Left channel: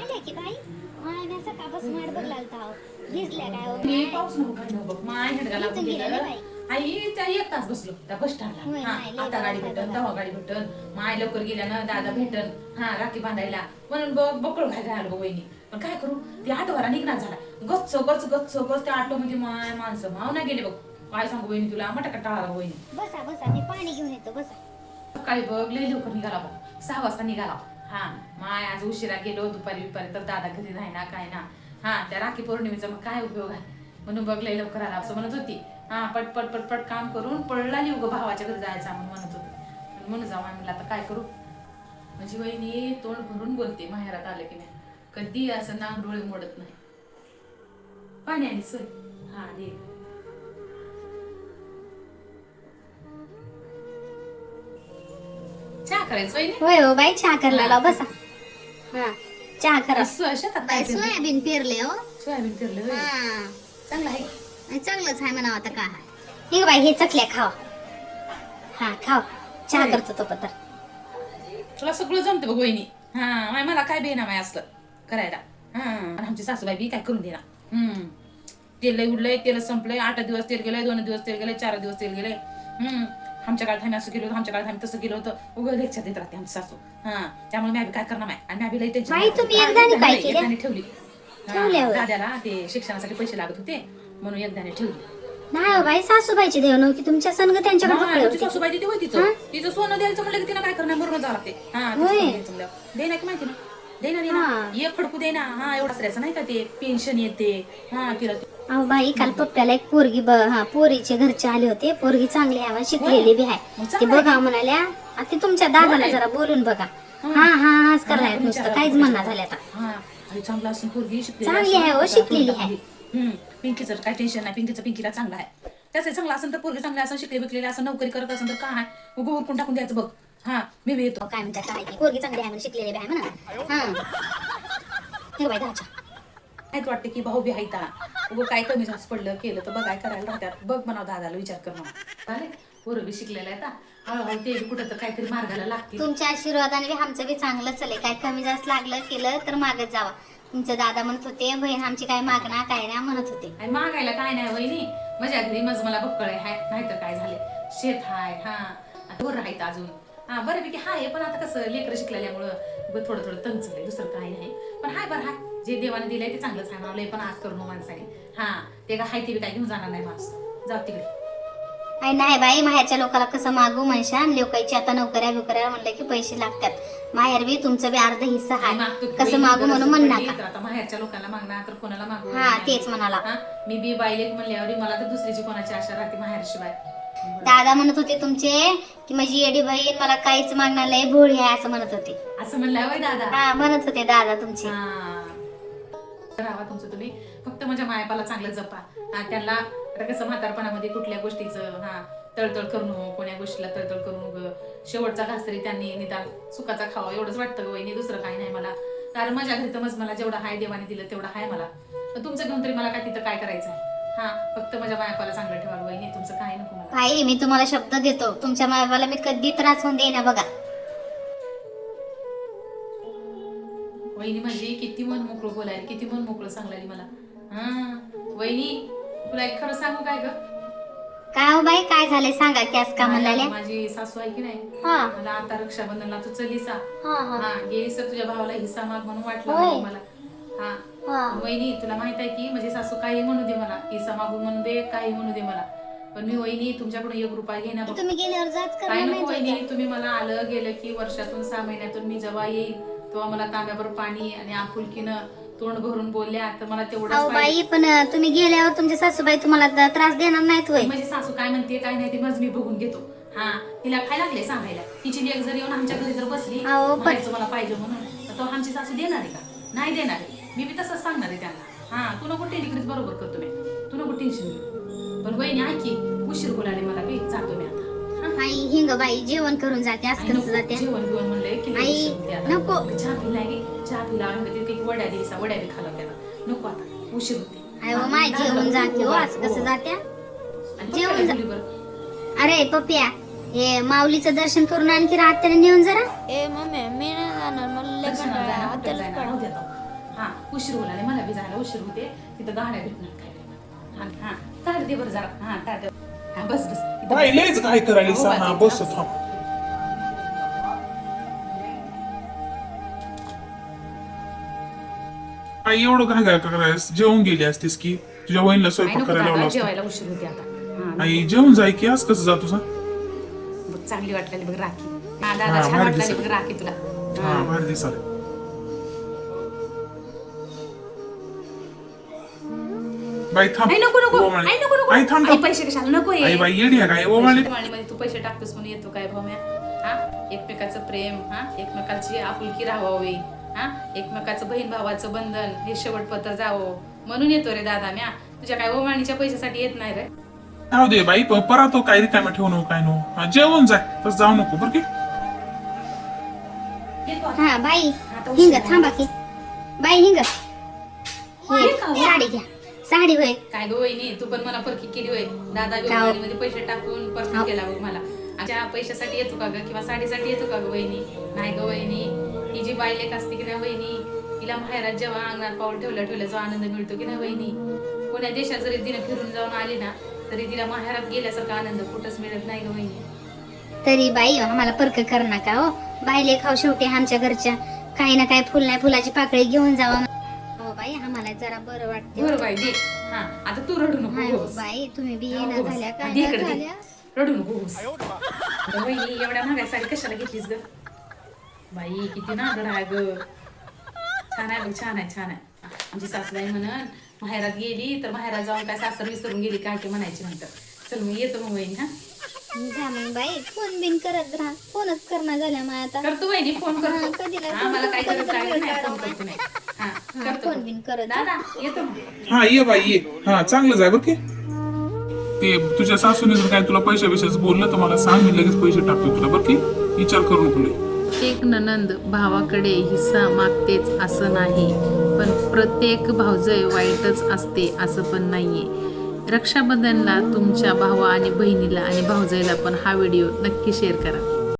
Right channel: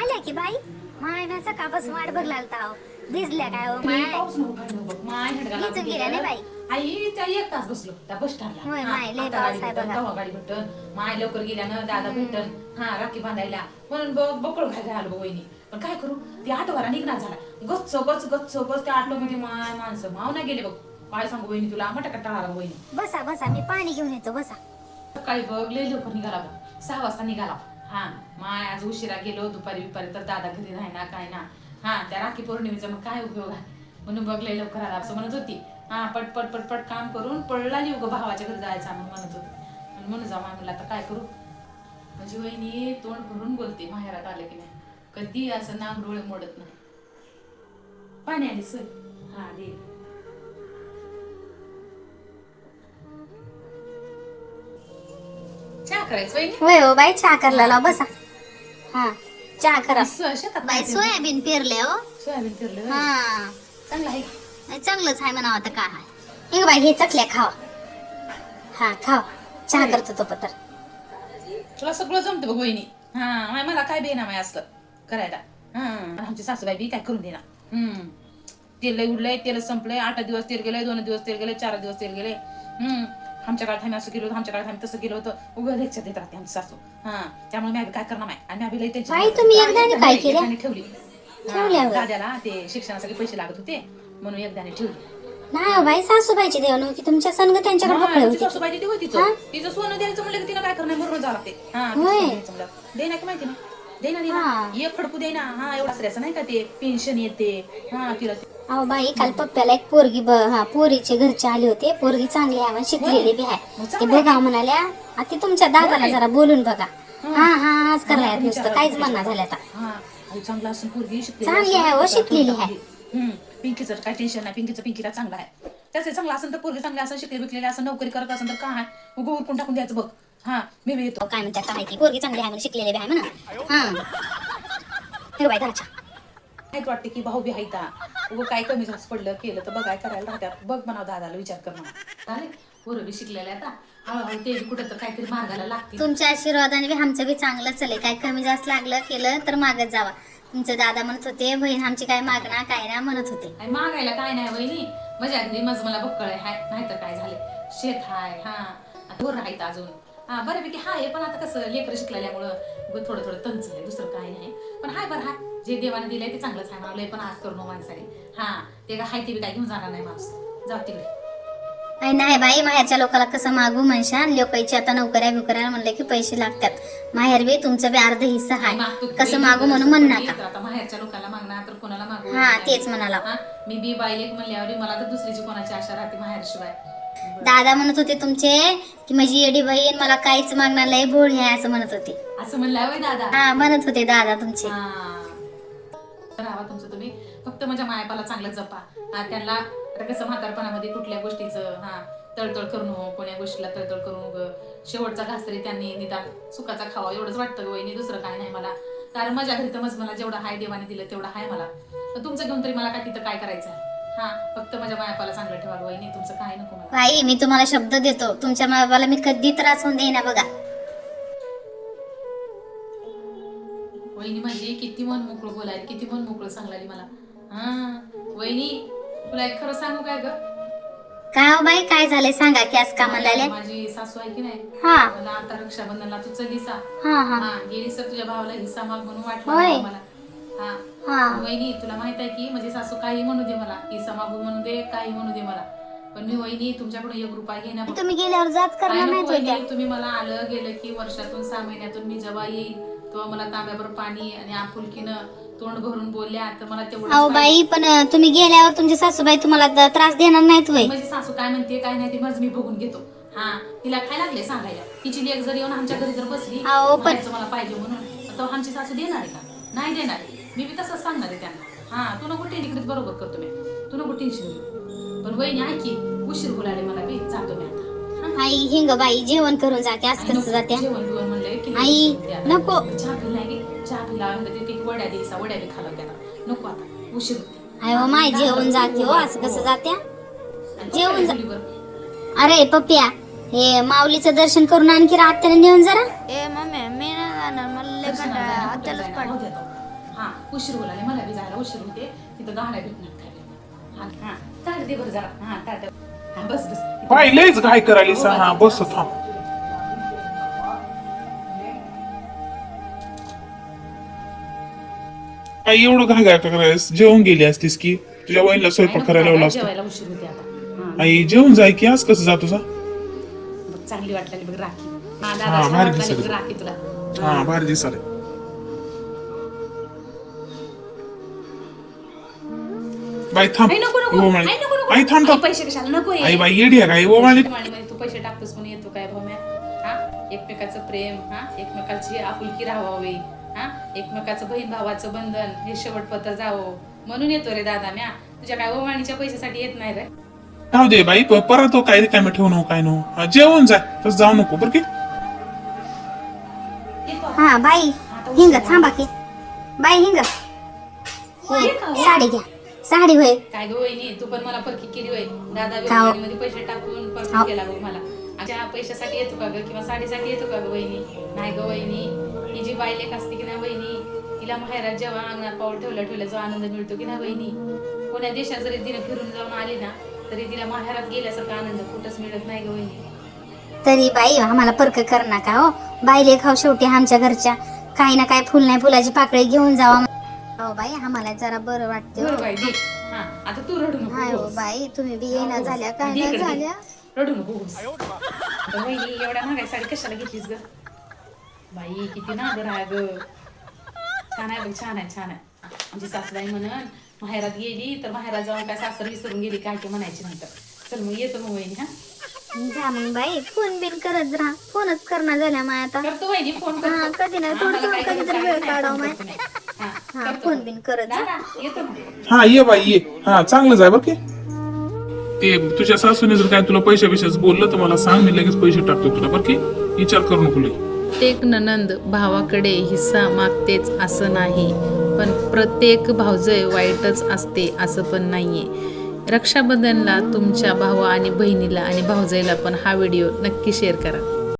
आल्या की बाई माय ना सकाळपासून वाट बघला आहो भिजल्या काय हो मी माय पाऊस नव्हता बघ माय हेडगाला भिजून गेल्या रे बाई आई त्या 1 तास बसलो त्या बस होय, माय, लय स्टँडला गाडी पाऊस आहे भेटल बघा. तेव्हा गाडी भेटल माय लवकर गेल्यानं दादा भेटल राखी बांधायला म्हणून बकळ खायला आलो वहिनी पण काय करू ती आठवडा निघणार झाला गच्च गच्च गच्च गच्च त्या ऑटो मध्ये माय माणसं माव नाही गेले बघ काय सांगू वहिनी तुला मटा टाळाला वहिनी बसा बसा मी पाणी घेऊन येतो बसा सकाळी बघ लय लवकर निघाला बघ 6 वाजता निघाला माय आज उशिरा गेलो दुपारी तर दादा घरी नाही ना काय ना त्या राखी पौर्णिमेचा मग काय उपयोग आहे म्हणून बघ लय लवकर आला असं म्हणत होती पटपट पटपट काम करून पडला नाही उगं भावाच्या घरी जायचा म्हणून म्हणत होती म्हणून जाऊ म्हणलं आता काय करू म्हणजे वहिनी तोंड भरून बोलते माहेरात आलं की नाही कधी असं नाम डोळे मोडत नाही पाणी आली सोय दे चहा करायचं वहिनी होय हो बाई चहा करायला बसा हा चहा करा शेतात बाई सोयाबीन पेरले हो सोयाबीन फिरलं हा चांगलं आहे नाही, चांगलंच आहे म्हणावं आता काय आहे हे बाई हे चकल्या खावा हा खावा चहा करतो तो पत्र तुला सगळं जमतं बघ वहिनी मला काय बेना माय असलं करायला आमची सासूबाई बी काय करून देणार तेल लय उडलंय तेल संपलंय 8 दिवस तेल गेलंय 2 दिवस तेल गेलंय 4 दिवस तेल गेलंय आमच्या काळात आम्ही असं केलं होतं आमच्या काळात आम्ही तसं केलं होतं उघड लेक्चर देत राहते आमची सासू त्यामुळे मी काय करणार नाही आणि आम्ही लय बाई, तुम्ही एकदाने काय केलं? एकदाने ठेवली ठेवल्या होय. दाद्याला ते शिक्षणासाठी पैसे लागत होते म्हणून एकदाने ठेवली नाही हो बाई सासूबाईची देव नव्हती तुमच्या संग त्यांच्याकडे पकडे आमची होती सासूबाई तिथे होती तिचं सोनं द्यायचं म्हणलं की तिनं काय करणार मरून जावं लागते देना की माहिती देना देना ये फडकू देना एवढा श्रेयचं नाही का ते पेन्शन येते तिला अहो बाई काल पप्प्याला एक पोरगी पोरीचे घरचे आले होते पोरगी चांगली आहे आणि शिकलेली बी आहे ते बघा म्हणाल्या आता तुमच्या दादाला जरा बोलून बघा हाच करायला नुसतं काहीच म्हणणं झालं आता चांगला असून पोरगी चांगली आहे हो शिकलेली आहे पिंकीचं काय टेन्शन नाही पिंकीला चांगला आहे त्याचं चांगला असेल तर पोरगी चांगली असं शिकले बिकलेले असं नोकरी करत असेल तर काय उगं उरकून टाकून द्यायचं बघ मी बी येतो काय म्हणतात काय की पोरगी चांगली आहे म्हणून शिकलेली बी आहे म्हणा हे बाई घरच्या माहित वाटते की भाऊ बी हायता उगं काय कमी जास्त पडलं केलं तर बघाय करायला राहतात बघ म्हणावं दादाला विचार कर चालेल पोरं बी शिकलेला आहे हळूहळू ते कुठं तर काहीतरी मार्गाला लागतील तुमच्या आशीर्वादाने बी आमचं बी चांगलं चालेल काय कमी जास्त लागलं केलं तर मागत जावा तुमचे दादा म्हणत होते बहीण आमची काय मागणार काय ना म्हणत होते आणि मागायला काय नाही वहिनी माझ्या घरी मला बक्कळ आहे नाहीतर काय झाले शेत हाय दूर राहायचं अजून बऱ्यापैकी हाय पण आता कसं लेकरं शिकलेल्यामुळं थोडं थोडं तंचलंय दुसरं काय नाही पण हाय बरं हाय जे देवाने दिलंय ते चांगलंच आहे मला पण आज करू माणसाने ते का हाय ते बी काय घेऊन जाणार नाही माणूस जाऊ तिकडे नाही बाई माहेरच्या लोकांना कसं मागू म्हणशा लोकांची आता नोकऱ्या बिकऱ्या म्हणलं की पैसे लागतात माहेर बी तुमचं बी अर्ध हिस्सा आहे कसं मागू म्हणून म्हणणार आता माहेरच्या लोकांना मागणार तर कोणाला मागू तेच म्हणाला मी बी बाईलेक म्हणल्यावर मला तर दुसरीची कोणाची आशा राहते माहेरशिवाय दादा म्हणत होते तुमचे की माझी येडी बहीण मला काहीच मागणार लय भोळी आहे असं म्हणत होते असं म्हणलं दादा म्हणत होते दादा तुमचे राहा तुमचं तुम्ही फक्त माझ्या मायपाला चांगलं जपा त्यांना आता कसं म्हातारपणामध्ये कुठल्या गोष्टीचं तळतळ करून कोण्या गोष्टीला तळतळ करून शेवटचा घास तरी त्यांनी निदान सुखाचा खावा एवढंच वाटतं वहिनी दुसरं काही नाही मला कारण माझ्या घरी तर मला जेवढं हाय देवाने दिलं तेवढं हाय मला पण तुमचं घेऊन तरी मला काय तिथं काय करायचं आहे फक्त माझ्या मायापाला चांगलं ठेवाल वहिनी तुमचं काही नको मला भाई मी तुम्हाला शब्द देतो तुमच्या मायापाला मी कधी त्रास होऊन देईना बघा वहिनी म्हणजे किती मन मोकळं बोलायला किती मन मोकळं सांगलाली मला वहिनी तुला एक खरं सांगू काय ग काय हो बाई काय झाले सांगा की आज का म्हणाले माझी सासू आहे की नाही मला आता रक्षाबंधनला तू चलीसा गेलीस तर तुझ्या भावाला हिस्सा माग म्हणून वाटलं मला वहिनी तुला माहित आहे की माझी सासू काही म्हणू दे मला हिस्सा मागू म्हणू दे काही म्हणू दे मला पण मी वहिनी तुमच्याकडून 1 रुपया घेण्या तुम्ही गेल्यावर जाच काय नको करणार वहिनी तुम्ही मला आलं गेलं की वर्षातून 6 महिन्यातून मी जेव्हा येईल तेव्हा मला तांब्यावर पाणी आणि आपुलकीनं तोंड भरून बोलल्या तर मला तेवढं बाई पण तुम्ही गेल्यावर तुमची सासूबाई तुम्हाला त्रास देणार नाहीत वय माझी सासू काय म्हणते काय नाही ते माझं मी बघून घेतो तिला काय लागले सांगायला तिची लेक जर येऊन आमच्या घरी जर बसली मला पाहिजे म्हणून तर आमची सासू देणार आहे का नाही देणार आहे मी बी तसंच सांगणार आहे त्यांना तू नको टेन्शन बरोबर करतो मी तू नको टेन्शन घेऊ पण वहिनी ऐकी उशीर बोलाले मला बी जातो मी आता आई हिंग बाई जेवण करून जाते असं कसं जाते जेवण बिवण म्हणलंय की आई नको चहा पिला वड्या दिवसा वड्या बी खाला त्याला नको आता उशीर होते अयो माय जेवण जाते हो असं कसं जात्या जेवण अरे पप्प्या हे माऊलीचं दर्शन करून आणखी आत्याला नेऊन जरा मम्मी मी नाही जाणार मला हा उशीर होणार मला बी जायला उशीर होते तिथं गाड्या भेटणार काय हा ताट दे बरं जरा हा ताट हा बस बस पाहिलेच काय करायली हो, हा बाई, बस थांब आई एवढं काय काय करायस जेवून गेली असतीस की तुझ्या वहिनीला काय स्वयंपाक नको करायला दादा, लावला असतं जेवायला उशीर होते आता हा, आई जेवून जाय की आज कसं जातो बघ, चांगली वाटलेली बघ राखी हा दादा हा, छान भारी वाटलेली दिसत. बघ राखी तुला हा भारी दिसाले बाई थांब आई नको नको ओवाळी. आई नको नको आई थांब आई थांब पैसे कशाला नको आई बाई येडी आहे काय ओवाळी मध्ये तू पैसे टाकतोस म्हणून येतो काय भाऊ हा एकमेकाचं प्रेम हा एकमेकाची आपुलकी राहावी हा एकमेकाचं बहीण भावाचं बंधन हे शेवटपत्र जावं म्हणून येतो रे दादा म्या तुझ्या काय ओवाणीच्या पैशासाठी येत नाही रे राहू दे बाई परत हो काय रिकामे ठेवू नको काय नो हा, जेवून जाय तसं जाऊ नको बरं की हा बाई हिंग थांबा की बाई हिंग हे साडी घ्या साडी होय काय गं वहिनी तू पण मला परकी केली होय दादा खाऊ. मध्ये पैसे टाकून परकी केला बघ मला अच्छा पैशासाठी येतो का ग किंवा साडीसाठी येतो का ग वहिनी नाही ग वहिनी ही जी बाई लेक असते की नाही वहिनी तिला माहेरात जेव्हा अंगणात पाऊल ठेवला जो आनंद मिळतो की नाही वहिनी कोण्या देशात जरी तिने फिरून जाऊन आली ना तरी तिला माहेरात गेल्यासारखा आनंद कुठंच मिळत नाही ग वहिनी तरी बाई आम्हाला परक कर नका हो बाईले खाऊ शेवटी आमच्या घरच्या काही ना काही फुल नाही फुलाची पाकळी घेऊन जावा हो बाई आम्हाला जरा बरं वाटते बरं बाई दे हा आता तू रडू हाय नको हो बाई तुम्ही बी येणं झाल्या काय दे नाही इकडे दे. झाल्या रडू नको आता वहिनी एवढ्या महागाई साडी कशाला घेतलीस ग बाई किती नागर आहे ग छान आहे बघ छान आहे छान आहे आमची सासूबाई म्हणून माहेरात गेली तर माहेरात जाऊन काय सासर विसरून गेली काय ते म्हणायची नंतर चल मग येतो मग वहिनी हा जा मग बाई फोन बिन करत राहा फोनच करणं झाल्या माय आता करतो वहिनी फोन हा, करतो कधी नाही हा, मला काय कधी गरज तर लागली वेळ नाही, काढावं फोन करतो मी. हा, हा करतो. फोन बिन करत जा. दादा येतो ना हा ये बाई ये हा चांगलंच आहे बरं की ते तुझ्या सासूने जर काय तुला पैसे विषयच बोललं तर मला सांग मी लगेच पैसे टाकतो तुला बरं की विचार करू नको लई. प्रत्येक नणंद भावाकडे हिस्सा मागतेच असं नाही पण प्रत्येक भावजय वाईटच असते असं पण नाहीये रक्षाबंधनला तुमच्या भावा आणि बहिणीला आणि भावजयला पण हा व्हिडिओ नक्की शेअर करा